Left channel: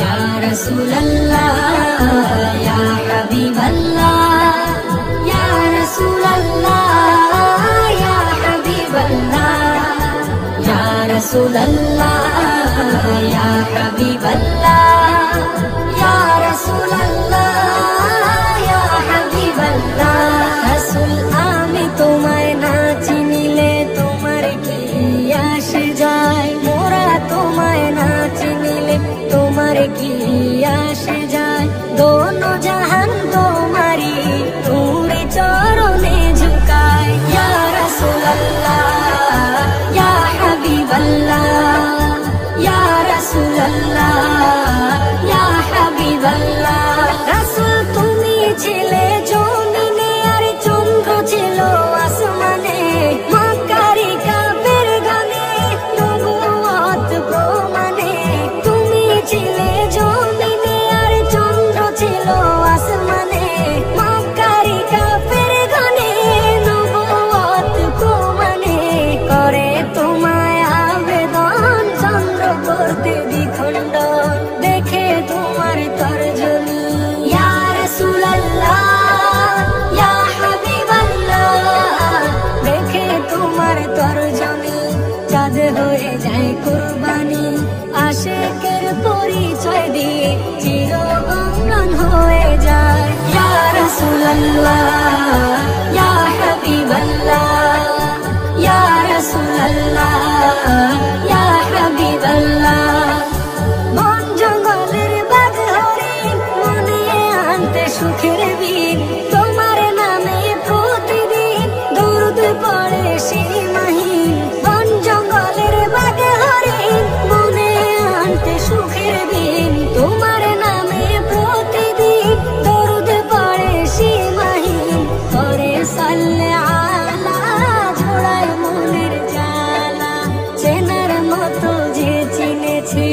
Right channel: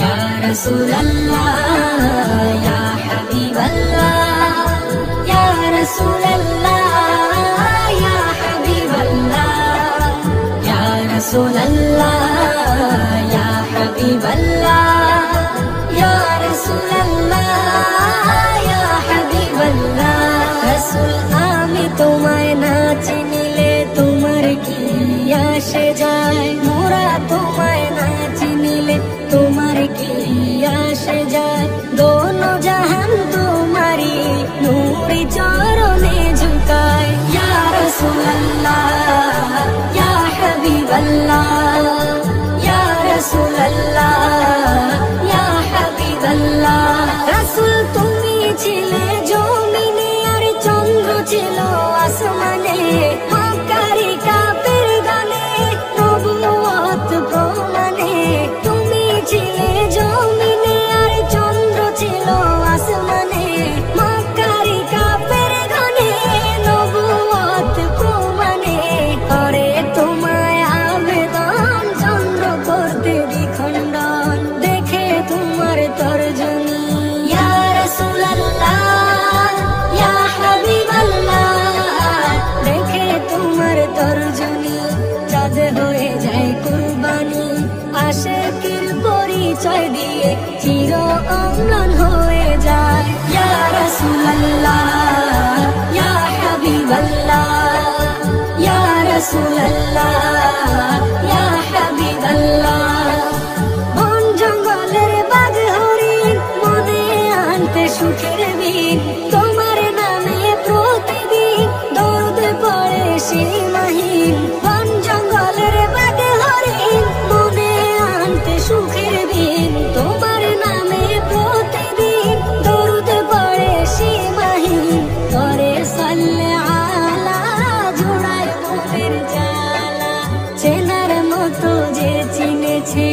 या रसूल अल्लाह या हबीब अल्लाह या रसूल अल्लाह या हबीब अल्लाह या रसूल अल्लाह या हबीब अल्लाह या रसूल अल्लाह या हबीब अल्लाह। रसूल आमी तुम्हारे ना चिनिले तुम्हार की आशे जाए, मोरा तुम्हारे ना चिनिले तुम्हार की आशे जाए। दोनों जहान तुम्हारी नूरी चरणे झुकाए। या रसूल अल्लाह या हबीब अल्लाह या रसूल अल्लाह या हबीब अल्लाह। रसूल তুমি ছিলে জমিনে আর চন্দ্র ছিল আসমানে, মক্কারি কাফের গানে নবুয়ত প্রমাণে। তুমি ছিলে জমিনে আর চন্দ্র ছিল আসমানে, মক্কারি কাফের গানে নবুয়ত প্রমাণে। করে তোমায় আবেদন চন্দ্র করতে দ্বিখণ্ডন, দেখে তোমার তর্জনী। ইয়া রাসূল আল্লাহ ইয়া হাবিব আল্লাহ, দেখে তোমার তর্জনী চাঁদ হয়ে যায় কুরবানি। আশিকের পরিচয় দিয়ে চির অম্লান হয়ে যায়। ইয়া রাসূল আল্লাহ ইয়া হাবিব আল্লাহ ইয়া রাসূল আল্লাহ ইয়া হাবিব আল্লাহ। বন জঙ্গলের বাঘ হরিণ নদী আনতে সুখের দিন, তোমার নামে প্রতিদিন দরুদ পড়ে সীমাহীন। বন জঙ্গলের বাঘ হরিণ মনে আনতে সুখের দিন, তোমার নামে প্রতিদিন দরুদ পড়ে সীমাহীন। করে সাল্লে আলা জুড়ায় মনের জ্বালা, চেনার মতো যে চিনেছে।